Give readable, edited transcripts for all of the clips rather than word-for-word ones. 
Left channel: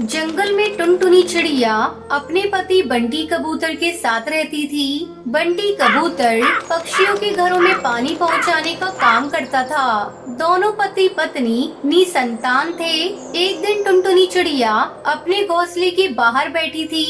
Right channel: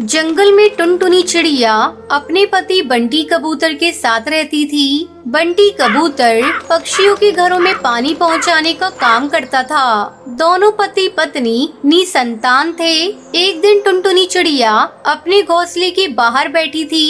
जंगल में टुनटुनी चिड़िया अपने पति बंटी कबूतर के साथ रहती थी। बंटी कबूतर पक्षियों के घरों में पानी पहुंचाने का काम करता था। दोनों पति पत्नी निसंतान थे। एक दिन टुनटुनी चिड़िया अपने घोंसले के बाहर बैठी थी।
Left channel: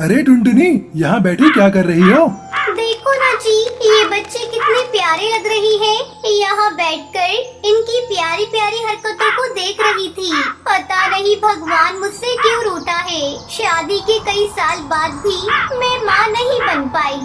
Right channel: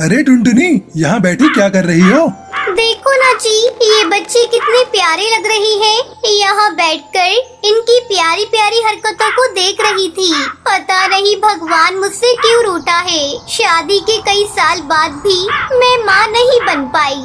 अरे टुनटुनी, यहाँ बैठी क्या कर रही हो? देखो ना जी, ये बच्चे कितने प्यारे लग रहे हैं। यहाँ बैठकर इनकी प्यारी प्यारी हरकतों को देख रही थी। पता नहीं भगवान मुझसे क्यों रूठा है। शादी के कई साल बाद भी मैं माँ नहीं बन पाई।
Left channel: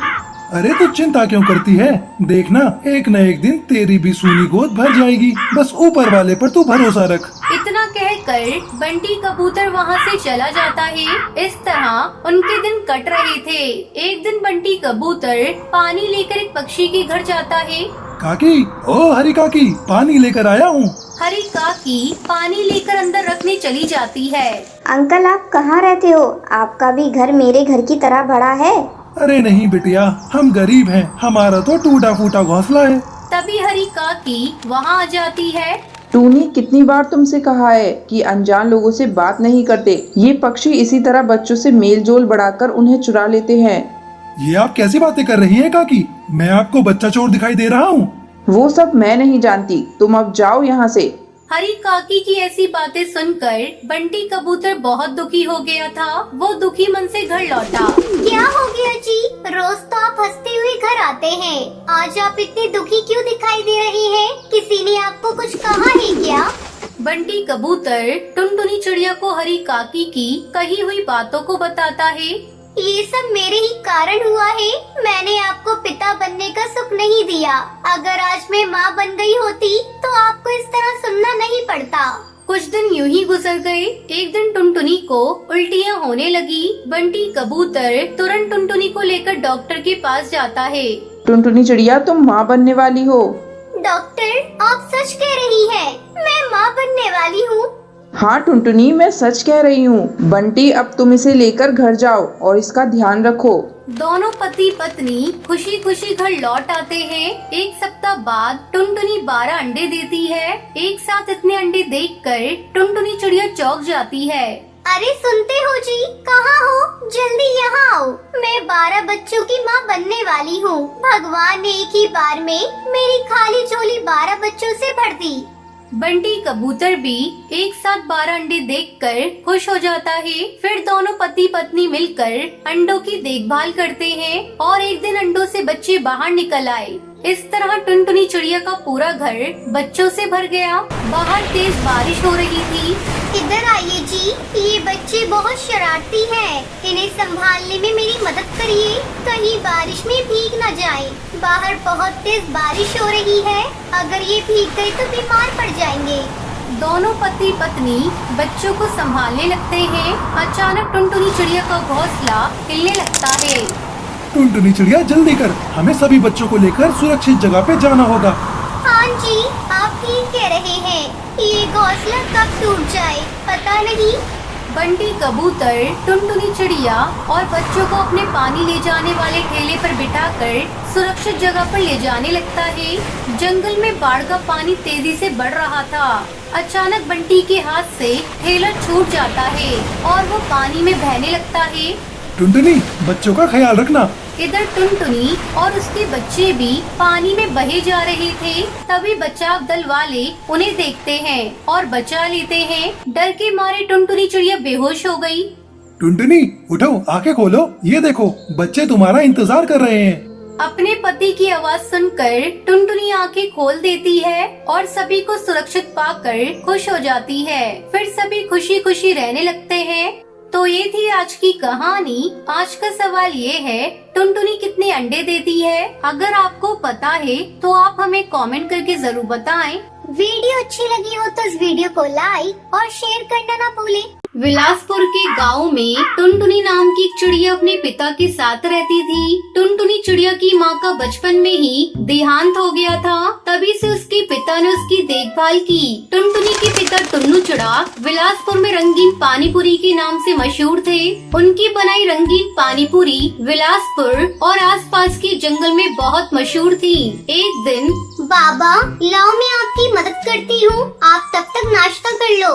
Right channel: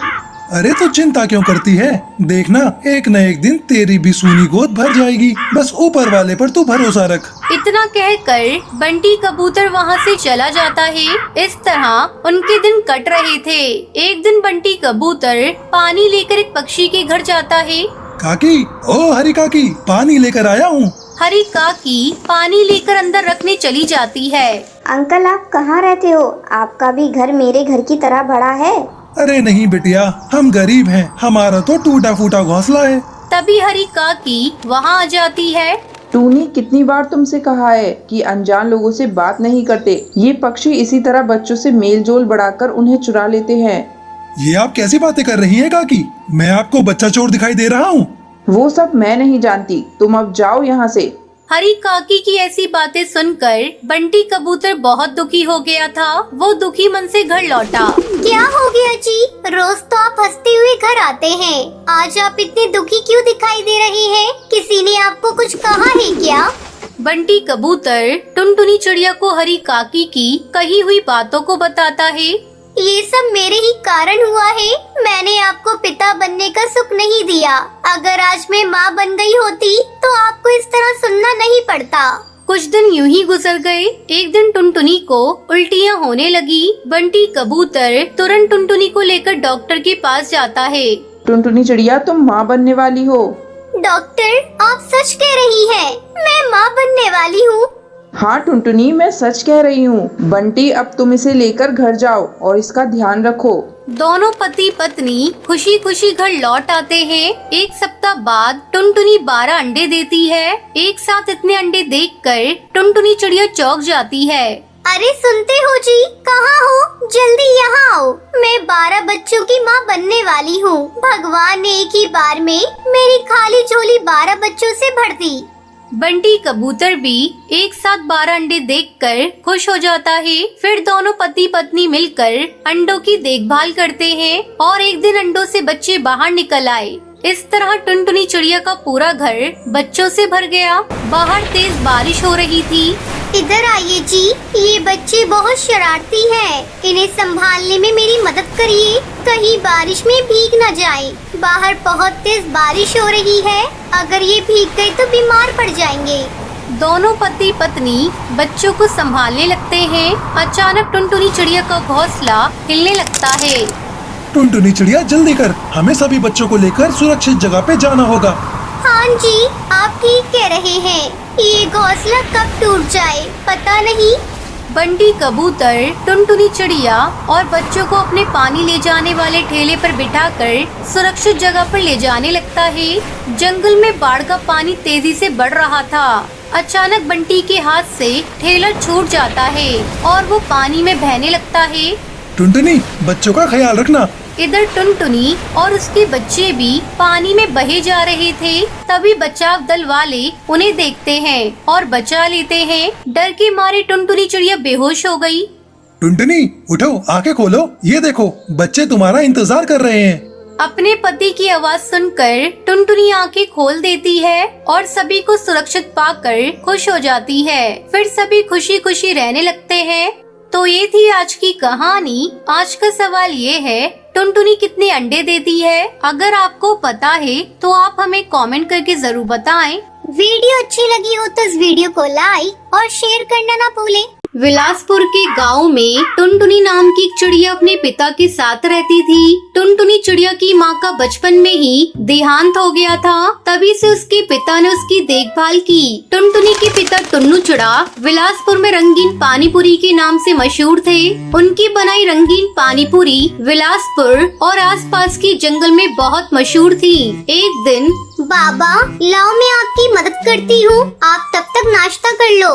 अरे तो चिंता क्यों करती है? देखना एक न एक दिन तेरी भी सूनी गोद भर जाएगी। बस ऊपर वाले पर तू भरोसा रख। इतना कहकर बंटी कबूतर वहाँ से चला जाता है। इस तरह उनके दिन कट रहे थे। एक दिन बंटी कबूतर पानी लेकर एक पक्षी के घर जाता है। काकी, ओ हरी काकी, पानी लेकर आया हूँ। हरी काकी पानी लेकर अंदर रखने चली जाती है। अंकल, आप कहाँ रहते हो? आपका भी घर मेरे घर की तरह बड़ा है। अरे नहीं बिटिया, हम गरीब हैं। हमारा तो टूटा फूटा घोंसला है। तभी हरी काकी वहाँ आ जाती है। टूनी, कितनी बार तुमसे कहा है कि अनजान लोगों से बात नहीं करते। ये पक्षी इसी तरह बच्चों से मेल जोल बढ़ाकर उन्हें चुरा लेते हैं। ये आप कैसी बातें कर रही हैं काकी? मैं आपको बच्चा चोर दिखाई दे रहा हूँ? वो सब मैं नहीं जानती। तुम अब जाओ यहाँ से। हरी काकी की ऐसी बातें सुनकर बंटी कबूतर बहुत दुखी हो गया था। वो दुखी मन से घर लौटा। क्या हो गया जी? रोज तो आप हंसते हुए घर आते हैं। आज आप इतने दुखी क्यों दिखाई दे रहे हैं? किसी ने आपको कुछ कहा है क्या? बंटी कबूतर टुनटुनी चिड़िया को हरी काकी की कही हुई बातों को बताता है। ये सब मेरे ही कारण हुआ है। मैंने आपको पिता बनने का सुख नहीं दिया। अगर आज मैं माँ बन गई होती तो आपको इस तरह सुनना नहीं पड़ता। कुछ दिन यूं ही गुजर गए। एक दिन टुनटुनी को उल्टियाँ होने लगी। बंटी कबूतर तुरंत टुनटुनी को लेकर डॉक्टर के पास जाता है। टुनटुनी चिड़िया, तुम माँ बनने वाली हो। डॉक्टर, आप सच कह रही हैं? मैं माँ बनने वाली हूँ? हाँ टुनटुनी, मैं सच कह रही हूँ। बंटी, अब तुम इसे लेकर घर जाओ और इसका ध्यान रखो। दोनों पति पत्नी खुशी खुशी घर लौट आते हैं। एक सप्ताह बाद टुनटुनी 12 अंडे देती है। एक साथ इतने अंडे देखकर टुनटुनी चिड़िया चौंक जाती है। अरे सुनते हो जी? कहाँ हो? जल्दी यहाँ आओ। मैं 12 बच्चों की माँ बनने वाली हूँ। भगवान ने एक ही बार में मेरी खाली झोली 12 बच्चों से भर दी। बंटी कबूतर भी एक साथ 12 अंडे देखकर खुश हो जाता है। फिर दोनों पति पत्नी मिलकर अंडों की देखभाल करते हैं और एक दिन अंडों से बच्चे बाहर निकल आए। इस तरह टुनटुनी चिड़िया का पूरा घर बच्चों से भर गया। बाहर तेज बारिश हो रही थी। इधर आइए जी, ये बच्चे बहुत शरारती हैं। इन्हें संभालने में मेरी मदद करिए, कहीं बारिश में भीग न जाएं। बाहर बहुत तेज बारिश हो रही है। अगर ये भीग गए तो बीमार पड़ जाएंगे। दोनों पति पत्नी बच्चों को संभालने लगते हैं। अचानक टुनटुनी चिड़िया का घोंसला हिलने लगता है। टुनटुनी चिड़िया, जल्दी कर, हमें सभी बच्चों को लेकर सुरक्षित जगह पे जाना होगा। हाँ जी, आप ठीक कह रहे हैं। ये घोंसला कब टूट जाए पता नहीं। बंटी कबूतर टुनटुनी चिड़िया और बच्चों को अपने पानी ले जाने वाले ठेले पर बिठाकर सुरक्षित जगह पर ले जाने लगता है। जंगल में बाढ़ का पानी तेजी से बढ़ रहा था। अचानक बंटी के हाथ से ठेला छूट जाता है और वो पानी में बहने लगता है। टुनटुनी, बच्चों का ख्याल रखना। इधर टुनटुनी और उसके बच्चे भी पानी में बहे जा रहे थे। तभी बचाव दल वाले उन्हें देखते हैं और बचा लेते हैं। डर के मारे टुनटुनी चिड़िया बेहोश हो गई। टुनटुनी, उठो, आंखें खोलो। ये देखो, बच्चे तुम्हारा इंतजार कर रहे हैं। अपने पति की आवाज सुनकर टुनटुनी आंखें खोल देती है और सभी को सुरक्षित पाकर खुश हो जाती है। फिर सभी खुशी खुशी रहने लगते हैं। तो ये थी आज की कहानी। आज का सवाल ये है, टुनटुनी कितने अंडे देती है? अगर आपको पता है तो आप हमें कमेंट करके जरूर बताएं। वीडियो अच्छी लगी हो तो इस वीडियो को लाइक और शेयर करना ना भूलें। विलासपुर के गांव में टुनटुनी नाम की एक चिड़िया अपने पिता के साथ रहती थी। टुनटुनी चिड़िया की माँ का बचपन में ही देहांत हो गया था। तभी से उसके पिता ने उसकी देखभाल की। टुनटुनी के पिता टुन्नू चिड़ा विलासपुर में रंगीन पानीपुरी के नाम से मशहूर थे। उनकी बनाई रंगीन पानीपुरी विलासपुर और आसपास के जंगल में बहुत मशहूर थी। एक दिन बाबा लाओ मैं आपकी मदद करती हूँ, आप तब तक नाश्ता कर लो।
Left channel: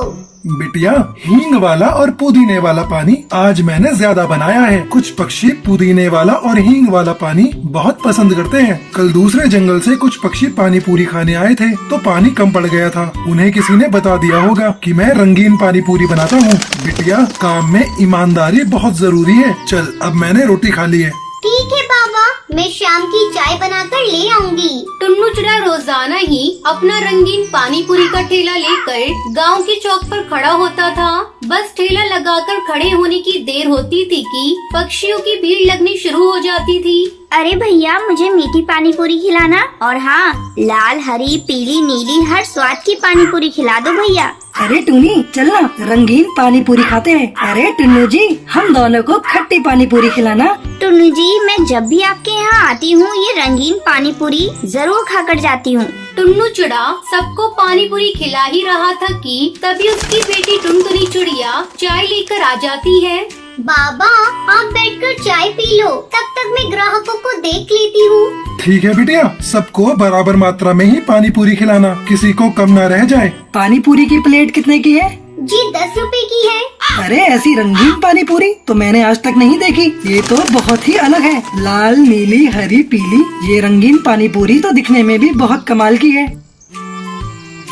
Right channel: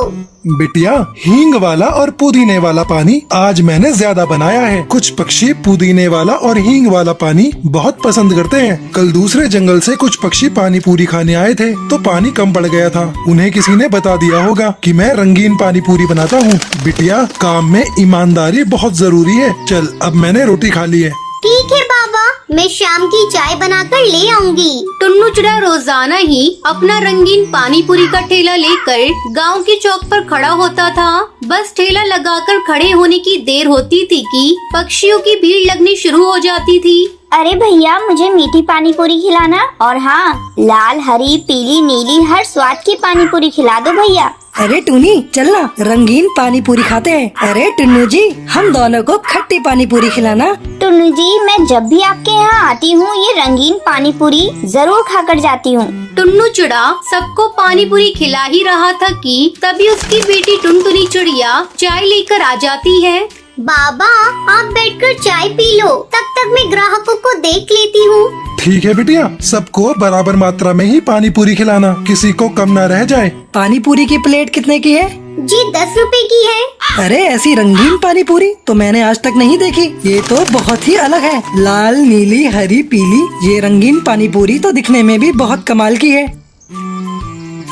बिटिया, हींग वाला और पुदीने वाला पानी आज मैंने ज्यादा बनाया है। कुछ पक्षी पुदीने वाला और हींग वाला पानी बहुत पसंद करते हैं। कल दूसरे जंगल से कुछ पक्षी पानी पूरी खाने आए थे तो पानी कम पड़ गया था। उन्हें किसी ने बता दिया होगा कि मैं रंगीन पानी पूरी बनाता हूँ। बिटिया, काम में ईमानदारी बहुत जरूरी है। चल, अब मैंने रोटी खा ली है। ठीक है बाबा, मैं शाम की चाय बनाकर ले आऊंगी। टुन्नू चिड़ा रोजाना ही अपना रंगीन पानी पूरी का ठेला लेकर गांव के चौक पर खड़ा होता था। बस ठेला लगाकर खड़े होने की देर होती थी कि पक्षियों की भीड़ लगनी शुरू हो जाती थी। अरे भैया, मुझे मीठी पानी पूरी खिलाना, और हाँ, लाल हरी पीली नीली हर स्वाद की पानी पूरी खिला दो भैया। अरे टूनी, चलना रंगीन पानी पूरी खाते हैं। अरे टुन्नू जी, हम दोनों को खट्टी पानी पूरी खिलाना। टुन्नू जी, मैं जब भी आपके यहाँ आती हूँ ये रंगीन पानी पूरी जरूर खाकर जाती हूँ। टुन्नू चिड़ा सबको पानी पूरी खिला ही रहा था कि तभी उसकी बेटी टुनटुनी चिड़िया चाय लेकर आ जाती है। बाबा, आप बैठकर चाय पी लो, तब तक मैं ग्राहकों को देख लेती हूँ। ठीक है बिटिया, सबको बराबर मात्रा में ही पानी पूरी खिलाना, किसी को कम न रह जाए। पानी पूरी की प्लेट कितने की है? जी 10 रुपए की है। अरे ऐसी रंगीन पानी पूरी तो मैंने आज तक नहीं देखी। ये तो बहुत ही अलग है। लाल नीली हरी पीली, ये रंगीन पानी पूरी तो दिखने में भी बहुत कमाल की है।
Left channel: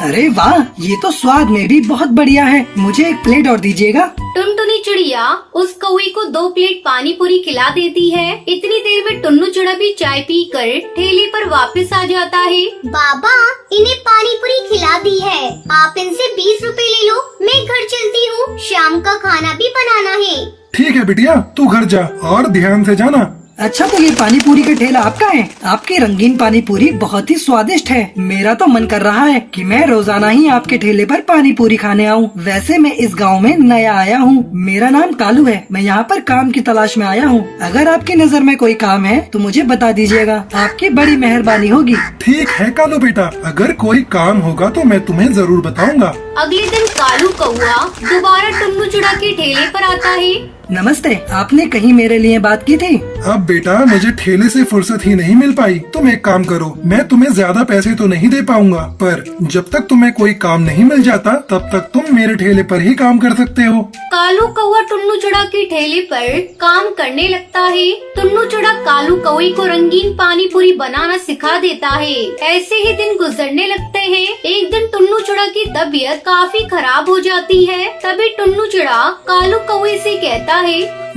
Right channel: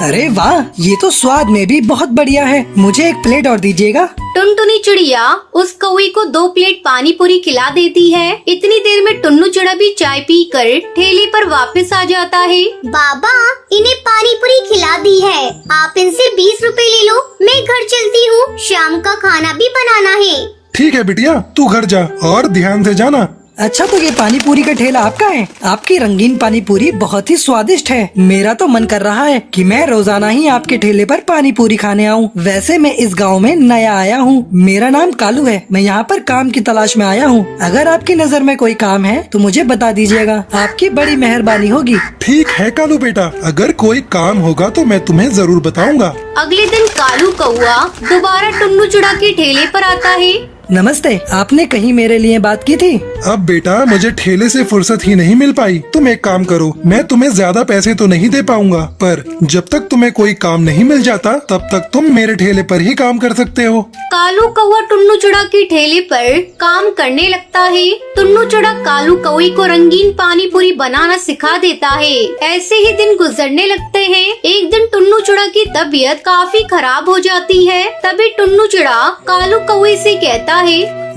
अरे वाह, ये तो स्वाद में भी बहुत बढ़िया है। मुझे एक प्लेट और दीजिएगा। टुनटुनी चिड़िया उस कौवे को 2 प्लेट पानी पूरी खिला देती है। इतनी देर में टुन्नू चिड़ा भी चाय पीकर ठेले पर वापस आ जाता है। बाबा, इन्हें पानी पूरी खिला दी है, आप इनसे 20 रुपए ले लो। मैं घर चलती हूँ, शाम का खाना भी बनाना है। ठीक है बिटिया, तू घर जा और ध्यान से जाना। अच्छा, तो ये पानी पूरी का ठेला आपका है? आपकी रंगीन पानी पूरी बहुत ही स्वादिष्ट है। मेरा तो मन कर रहा है कि मैं रोजाना ही आपके ठेले पर पानी पूरी खाने आऊं। वैसे मैं इस गांव में नया आया हूं। मेरा नाम कालू है। मैं यहाँ पर काम की तलाश में आया हूँ। अगर आपकी नजर में कोई काम है तो मुझे बता दीजिएगा, आपकी बड़ी मेहरबानी होगी। ठीक है कालू बेटा, अगर कोई काम होगा तो मैं तुम्हें जरूर बताऊंगा। अगले दिन कालू कौआ दोबारा टुन्नू चिड़ा के ठेले पर आता है। नमस्ते, आपने कहीं मेरे लिए बात की थी? अब बेटा, मुझे ठेले से फुर्सत ही नहीं मिल पाई। तुम एक काम करो, मैं तुम्हें ज्यादा पैसे तो नहीं दे पाऊंगा, पर जब तक तुम्हें कोई काम नहीं मिल जाता तब तक तुम मेरे ठेले पर ही काम कर सकते हो। कालू कौआ टुन्नू चिड़ा के ठेले पर काम करने लगता है। टुन्नू चिड़ा कालू कौवे को रंगीन पानी पूरी बनाना सिखा देता है। ऐसे ही दिन गुजरने लगते हैं। एक दिन टुन्नू चिड़ा की तबीयत काफी खराब हो जाती है। तभी टुन्नू चिड़ा कालू कौवे से कहता है,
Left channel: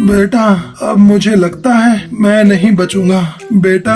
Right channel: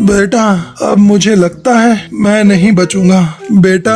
बेटा, अब मुझे लगता है मैं नहीं बचूंगा। बेटा,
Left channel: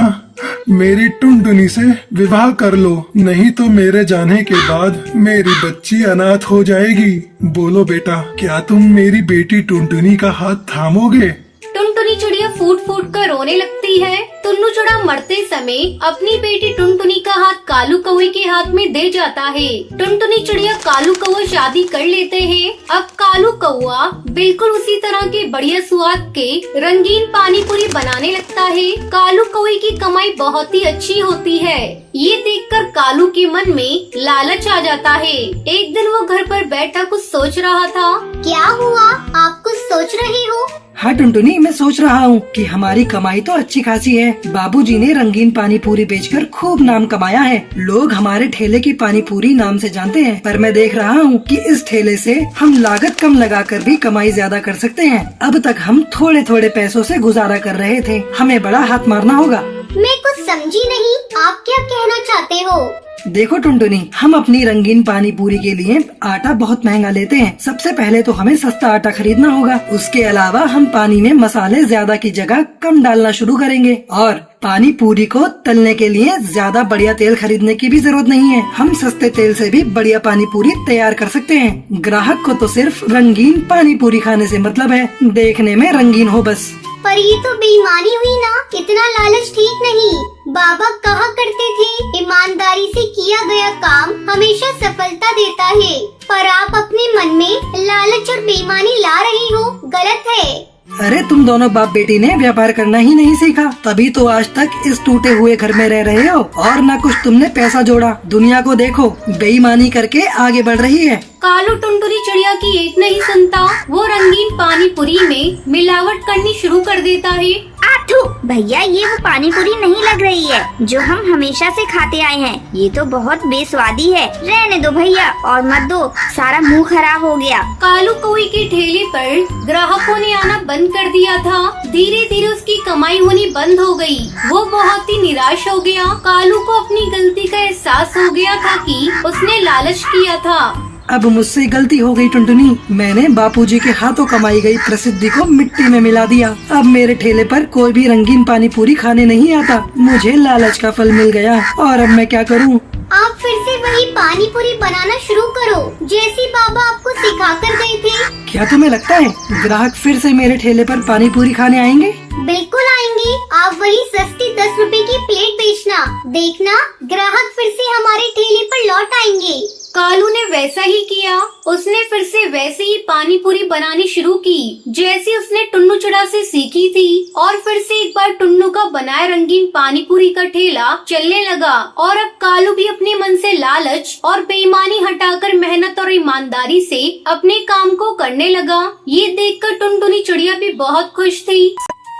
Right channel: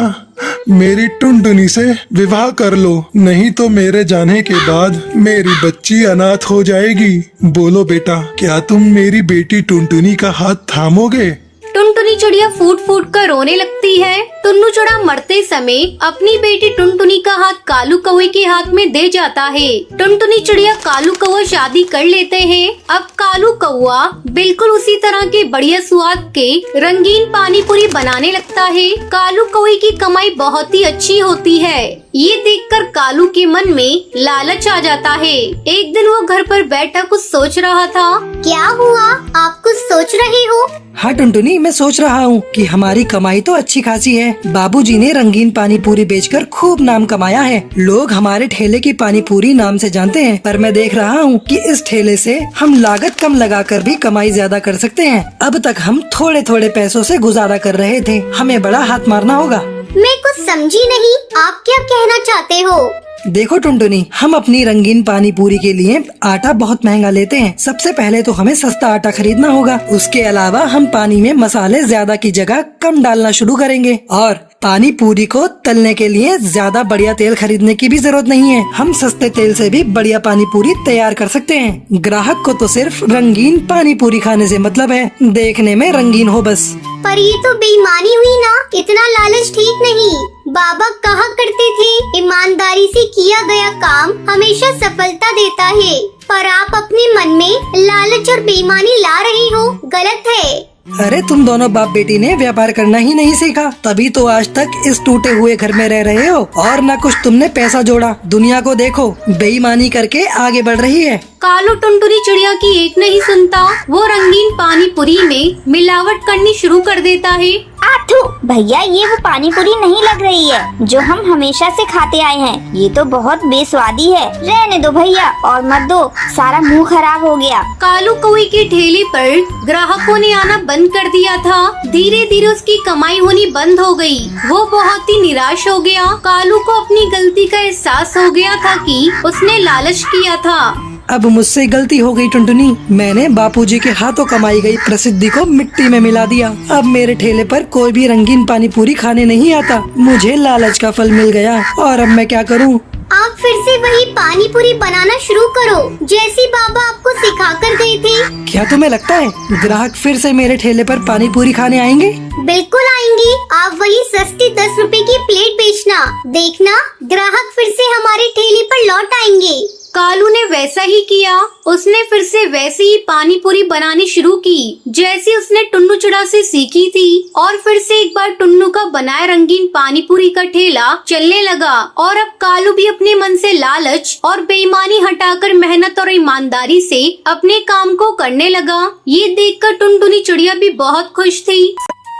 मेरी टुनटुनी से विवाह कर लो, नहीं तो मेरे जाने के बाद मेरी बच्ची अनाथ हो जाएगी। बोलो बेटा, क्या तुम मेरी बेटी टुनटुनी का हाथ थामोगे? टुनटुनी चिड़िया फूट फूट कर रोने लगती है। टुन्नू चिड़ा मरते समय अपनी बेटी टुनटुनी का हाथ कालू कौवे के हाथ में दे जाता है। टुनटुनी चिड़िया कालू कौवा शादी कर लेते हैं। अब कालू कौवा बिल्कुल उसी तरह के बढ़िया स्वाद के रंगीन पानी पूरी बनाने लगता है। कालू कौवे की कमाई बहुत ही अच्छी होती है। ये देखकर कालू के मन में लालच आ जाता है। एक दिन वो घर पर बैठा कुछ सोच रहा था। क्या हुआ, आप कुछ सोच रहे हो? हाँ टुनटुनी, मैं सोच रहा हूँ कि हमारी कमाई तो अच्छी खासी है। बाबूजी ने रंगीन पानी पूरी बेचकर खूब नाम कमाया है। लोग हमारे ठेले की पानी पूरी नाम से जानते हैं, पर मैं देख रहा हूँ कि इस ठेले से हम लागत कम लगाकर भी कमाई ज्यादा कर सकते हैं। अब तक हम थोड़े थोड़े पैसों से गुजारा कर रहे थे, हमें बड़ा हाथ मारना होगा। मैं कुछ समझी नहीं, आप क्या कहना चाहते हो? देखो टुनटुनी, हम अपनी रंगीन पानी पूरी के लिए आटा बहुत महंगा लेते हैं। सबसे पहले तो हमें सस्ता आटा खरीदना होगा। उसके अलावा हम पानी में मसाले ज्यादा की जगह कम डालना शुरू करेंगे, और पानी पूरी को तलने के लिए ज्यादा बढ़िया तेल खरीदने की भी जरूरत नहीं है। हम सस्ते तेल से भी बढ़िया पानी पूरी तैयार कर सकते हैं। ग्राहक को तो सिर्फ रंगीन पानी पूरी खाने से मतलब है, देखने में रंगीन हो बस। पर ये तो बेईमानी हुई ना, इतना लालच ठीक नहीं। बाबा कहा करते थे, ईमानदारी से किया गया काम हमेशा सफलता देता है, पर आप अपने मन में लालच और बेईमानी ला रहे हो, गलत है। अरे तुम दोनों बाप बेटी ने व्यापार करना ही नहीं सीखा, तभी तो आज तक इस टूटे हुए घर में रह रहे हो, और न कुछ तुमने पैसा जोड़ा। दुनिया को देखो, बेईमानी करके आगे बढ़ रही है। कालू टुनटुनी चिड़िया की एक नहीं सुनता। वो रंगीन पानी पूरी में मिलावट करनी शुरू कर देता है। आप थू भैया, ये वो पानी पूरी नहीं लग रही है जो हम हमेशा से खाते आए हैं। ये तो बहुत बेस्वादी है। रहने दो भैया और मत दो, सारा मुंह खराब हो गया। कालू कौवे के ठेले पर ग्राहकों ने आना बंद कर दिया था। धीरे धीरे उसकी कमाई होनी बंद हो गई। वो बहुत ही निराश हो गया। कालू को अपनी गलती का एहसास हो गया था कि उसने लालच किया था। अब मुझसे गलती हो गई टुनटुनी। मैंने बापूजी के हाथों कमाई गई प्रसिद्धि को मिट्टी में मिला दिया। अब मेरे ठेले पर कोई भी रंगीन पानी पूरी खाने नहीं आता। मुझे लालच का फल मिल गया और अब मैं क्या करूं? आप फिर से वही पानी पूरी बनाना शुरू करो जैसी बाबा आपको सिखा कर गए थे। क्या तुम्हें लगता है ग्राहक फिर से मेरे ठेले पर पानी पूरी खाने आएंगे? बिल्कुल आएंगे। आप वही सस्ती 10 रुपए की प्लेट बेचना, देखना ग्राहक फिर से हमारे ठेले पर लौट आएंगे। कालू ने वैसा ही किया। उसने फिर से वैसे ही पानी पूरी बनानी शुरू की जैसे उसने टुन्नू चुड़ा से सीखी थी। और फिर से एक बार टुन्नू का बनाया रंगीन पानी पूरी का ठेला चलने लगा। और अब कालू भी अपने मन से लालच और बेईमानी हटाकर मेहनत और ईमानदारी से अपने काम को करने लगा। ये देखकर टुनटुनी चिड़िया भी बहुत खुश थी।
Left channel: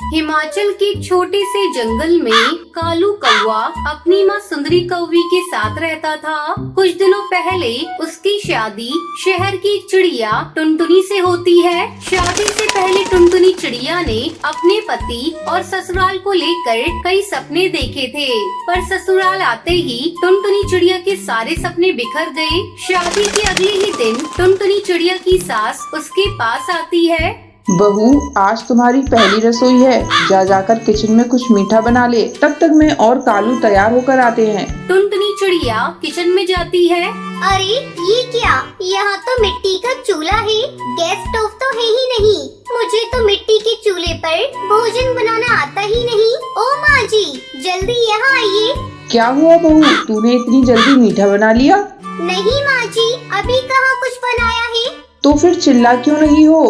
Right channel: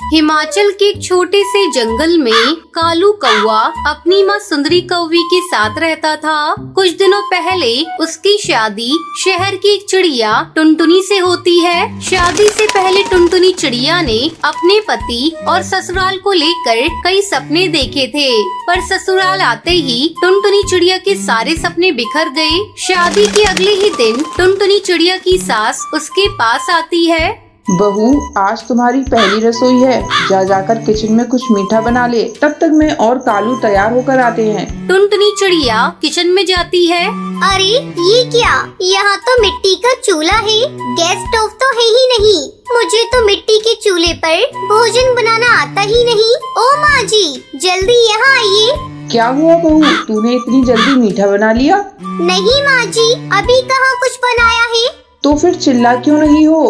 हिमाचल के एक छोटे से जंगल में कालू कौवा अपनी माँ सुंदरी कौवी के साथ रहता था। कुछ दिनों पहले उसकी शादी शहर की एक चिड़िया टुनटुनी से होती है। शादी से पहले टुनटुनी चिड़िया ने अपने पति और ससुराल को लेकर कई सपने देखे थे, पर ससुराल आते ही टुनटुनी चिड़िया के सारे सपने बिखर गए। शादी के अगले ही दिन टुनटुनी चिड़िया की सास उसके पास आती है। बहू, आज तुम्हारी पहली रसोई है। जाकर किचन में कुछ मीठा बना ले। तब तक मैं और कालू तैयार होकर आते हैं। टुनटुनी चिड़िया किचन में जाती है। अरे ये क्या, यहाँ तो मिट्टी का चूल्हा है, गैस स्टोव तो है ही नहीं। मुझे तो मिट्टी के चूल्हे पर भोजन बनाना आता ही नहीं। ओ माँ जी, जल्दी यहाँ आइए। क्या हुआ बहू, तूने इतनी जल्दी मीठा बना लिया? नहीं माँ जी, अभी कहाँ कुछ बनाया है। तो फिर चिल्ला क्यों नहीं हो?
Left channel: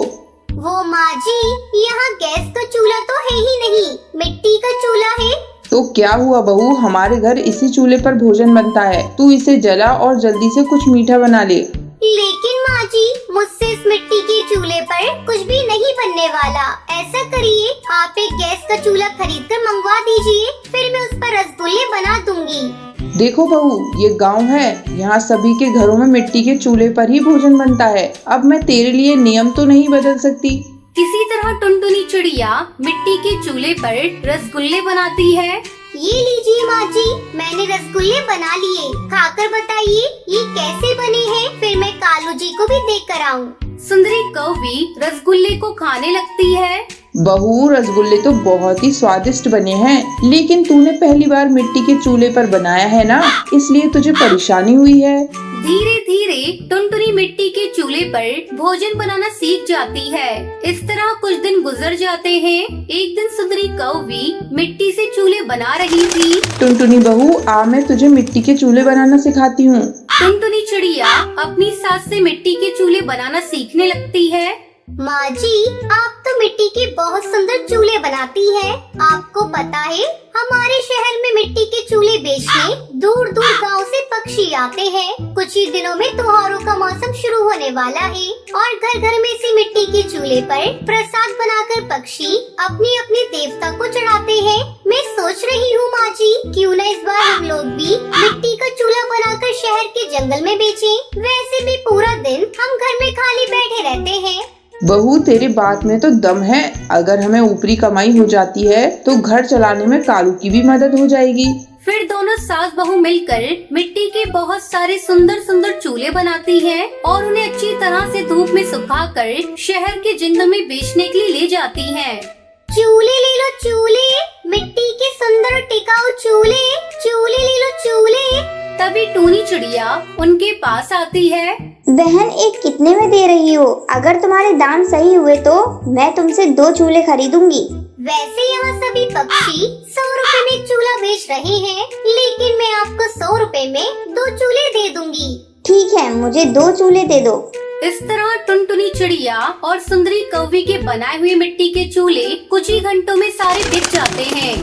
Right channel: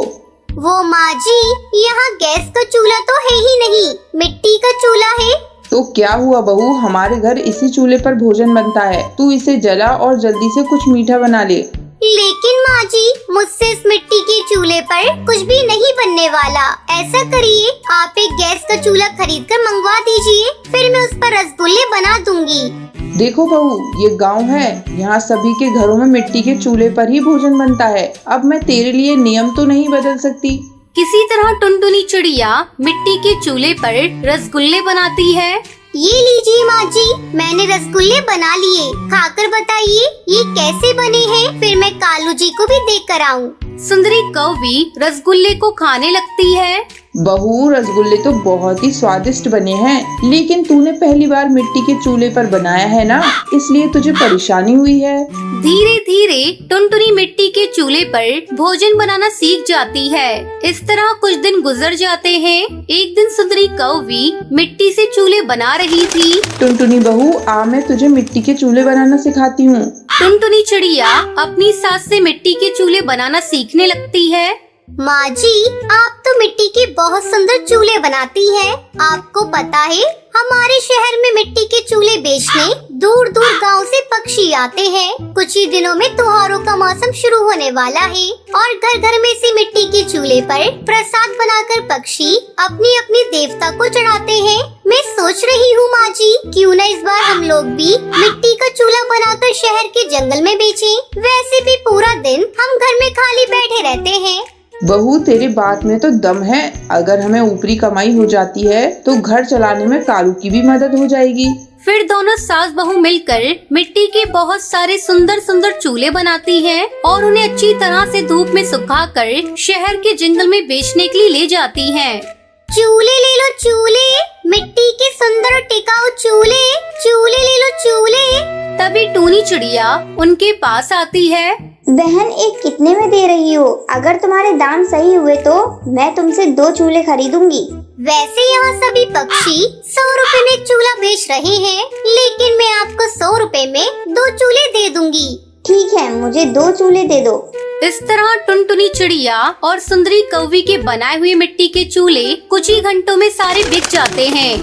वो माँ जी, यहाँ गैस का चूल्हा तो है ही नहीं, मिट्टी का चूल्हा है। तो क्या हुआ बहू, हमारे घर इसी चूल्हे पर भोजन बनता है। तू इसे जला और जल्दी से कुछ मीठा बना ले। लेकिन माँ जी, मुझसे इस मिट्टी के चूल्हे पर कुछ भी नहीं बनने वाला। ऐसा करिए, आप एक गैस का चूल्हा खरीद कर मंगवा दीजिए, फिर मैं उस पर रसगुल्ले बना दूंगी। देखो बहू, ये गांव है, यहाँ सभी के घरों में मिट्टी के चूल्हे पर ही भोजन बनता है। अब मैं तेरे लिए नियम तो नहीं बदल सकती। किसी तरह टुनटुनी चिड़िया मिट्टी के चूल्हे पर रसगुल्ले बनाती है। ये लीजिए माँ जी, मैंने रसगुल्ले बना लिए। खाकर बताइए ये कैसे बने हैं, फिर मैं कालू जी को भी देख कर आऊँ। सुंदरी कौवी रसगुल्ले को खाने लगती है। बहू, रसगुल्ले तो बहुत ही स्वादिष्ट बने हैं, लेकिन तूने पहली बार मिट्टी के चूल्हे पर बनाया है ना, इसलिए तुझे परेशानी हुई है। धीरे धीरे टुनटुनी मिट्टी के चूल्हे पर भोजन बनाना सीख जाती है। इस तरह कुछ दिन गुजर जाते हैं। एक दिन सुंदरी कौवी मिट्टी से चूल्हे बना रही थी। टुनटुनी बहू, आ मैं तुझे मिट्टी के चूल्हे बनाना सिखाती हूँ। टुनटुनी चिड़िया अपनी सास से मिट्टी के चूल्हे बनाना सीखने लगती है। माँ जी, आप तो मिट्टी के बहुत सुंदर चूल्हे बनाती है। आपको पता है, हमारे शहर में मिट्टी के चूल्हे बेचने दूर दूर गांव से पक्षी आते हैं। कुछ ही दिनों में त्योहारों का मौसम शुरू होने वाला है और घर घर में से मिट्टी के चूल्हे पर प्रसाद बनाकर पक्षी अपनी अपनी देवता को चढ़ाते हैं। मैं सोच रही हूँ माँ जी, क्यों न इस बार हम लोग भी मिट्टी का चूल्हा बनाकर शहर के जंगल में बेचें। वैसे भी पूरा दिन हम घर में खाली बैठे रहते हैं। बहू, तेरी बात में तो दम है। अगर हमें ऊपरी कमाई हो जाती है तो घर चलाने में कालू की भी मदद हो जाएगी। फिर दोनों सास बहू मिलकर मिट्टी के बहुत सारे सुंदर सुंदर चूल्हे बनाती हैं और उन्हें अच्छी तरह से धूप में सुखाकर शहर के जंगल में बेचने के लिए ले जाती हैं। चूल्हे ले लो चूल्हे, मिट्टी के सुंदर टिकाऊ चूल्हे, चूल्हे ले लो चूल्हे। तभी टूनी चिड़िया उनके पास आती है। बहन, एक कितने में दे रही हो? अगर तुम्हारे दाम सही हुए तो मैं तुमसे 2 चूल्हे खरीदूंगी। वैसे यहाँ सभी पक्षी 100 रुपए में चूल्हा बेच रहे हैं, लेकिन मैं आपको 100 रुपए में 2 चूल्हे दे दूंगी। ठीक है, मुझे 2 चूल्हे दे दो। इस तरह टुनटुनी चिड़िया और सुंदरी कौवी के बनाए हुए मिट्टी के चूल्हे कुछ ही घंटों में सारे बिक जाते हैं।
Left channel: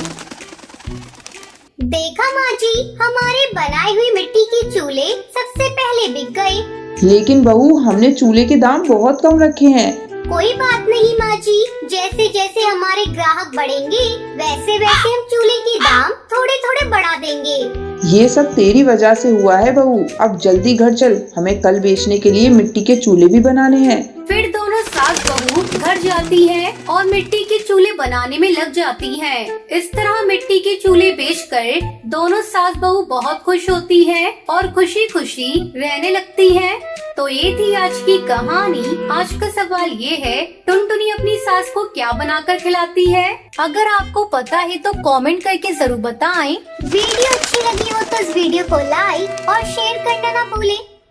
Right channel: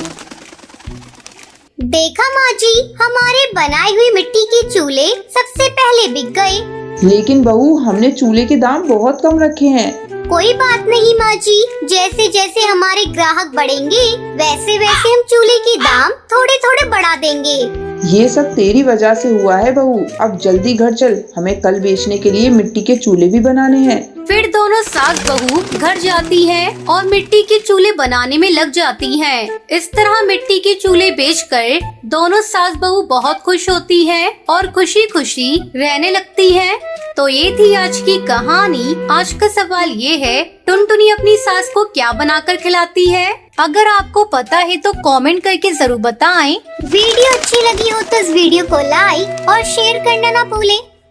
देखा माँ जी, हमारे बनाए हुए मिट्टी के चूल्हे सबसे पहले बिक गए। लेकिन बहू, हमने चूल्हे के दाम बहुत कम रखे हैं। कोई बात नहीं माँ जी, जैसे जैसे हमारे ग्राहक बढ़ेंगे वैसे वैसे हम चूल्हे के दाम थोड़े थोड़े बढ़ा देंगे। ये सब तेरी वजह से हुआ है बहू। अब जल्दी घर चल, हमें कल बेचने के लिए मिट्टी के चूल्हे भी बनाने हैं। फिर दोनों सास बहू घर जाती है और मिट्टी के चूल्हे बनाने में लग जाती हैं। इस तरह मिट्टी के चूल्हे बेचकर दोनों सास बहू बहुत खुश होती हैं और खुशी खुशी रहने लगती हैं। तो ये थी आज की कहानी। आज का सवाल ये है, टुनटुनी अपनी सास को क्या बनाकर खिलाती है? अगर आपको पता है तो कमेंट करके जरूर बताएं। वीडियो अच्छी लगी हो तो इस वीडियो को लाइक और शेयर करना ना भूलें।